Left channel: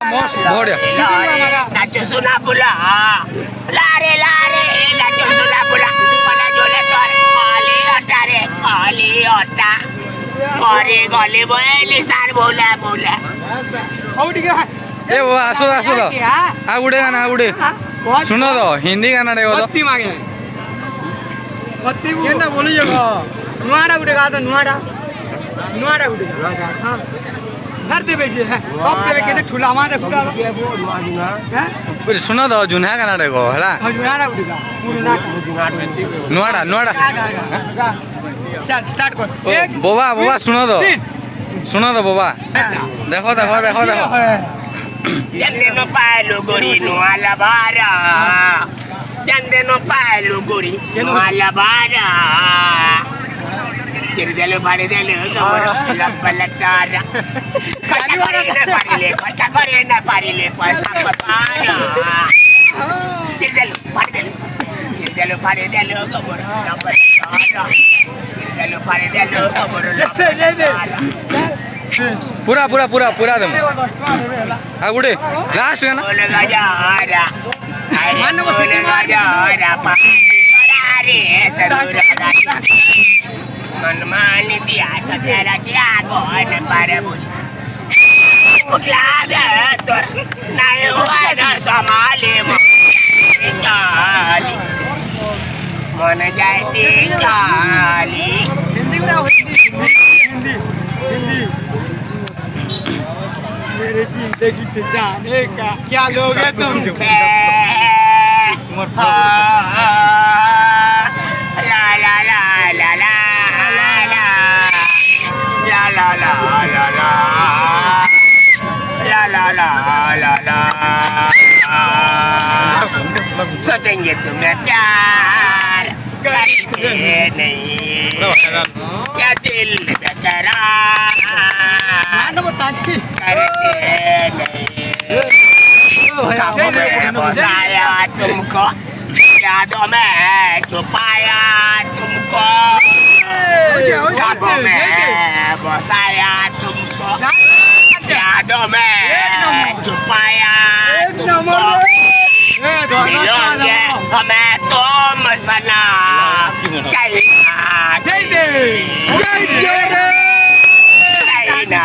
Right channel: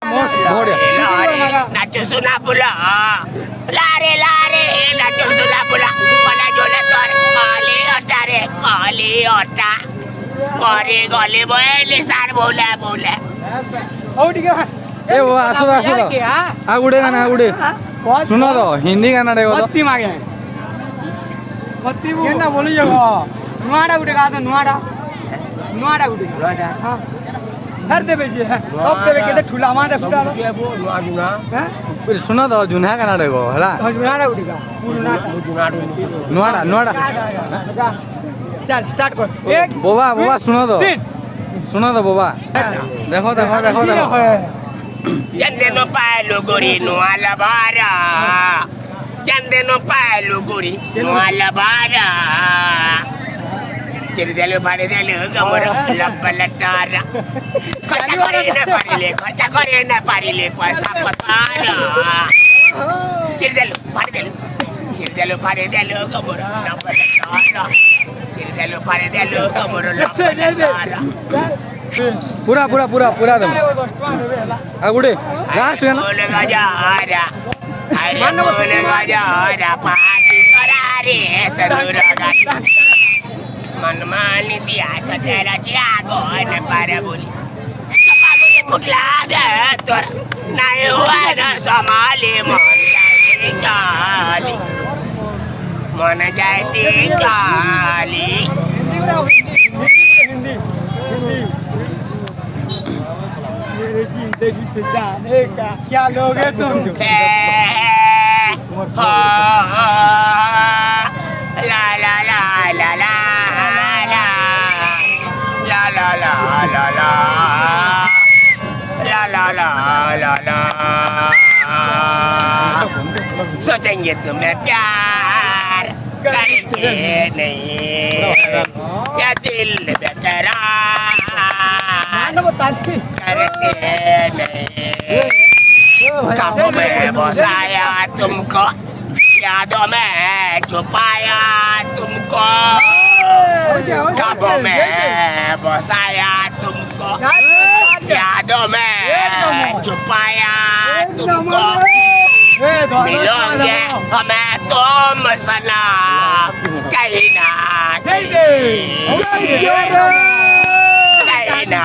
Nacho sulla pula, lare nacho sulla pula, pada jole tore kali ota, kali boy nisar bola. ए वो आसो आसो तो आगुड़े गाना आगुड़े सुनो तो हिंदी गाना रे वो तो बत्ती ना बोली जगह नुआड़ा गुटे गा तो नुआड़ा गुटे हां हर दे बेचे है सब पे के ठुला मा दे फुटा फिर सुनो तो जुना गाना रे को हला नुआड़ा गुटे गा नुआड़ा चल स्टार्ट कर बोबा सुनो तो बोबा देखो Jande no palo gori no alabara, jande no palo gori no alabara. Cerdalo pare dalo kamera lapalatara. Kata kore na parile kuasa patara. Cerdalo pare dalo kamera lapalatara. Cerdalo pare dalo kamera lapalatara. पूरा दम आगुड़े last गाना बोलेगा जा party करारे सरुरा मनमानी दिया चतेरा चिरागो न पारे बोली मुकला दे तोरा नहीं हुआ ना संभाले मन जैसी चाली जिंदगी से जाने का क्या लोगे तुम ला सोचेंगे तुम्हें प्यार करके नहीं क्या दिल बेकरार करके नहीं ख्वाबों में बसाया तुमको यादों में छुपाया तुमको ख्वाबों में बसाया तुमको यादों में छुपाया तुमको मिलोगे हमें तुम सलाम कहना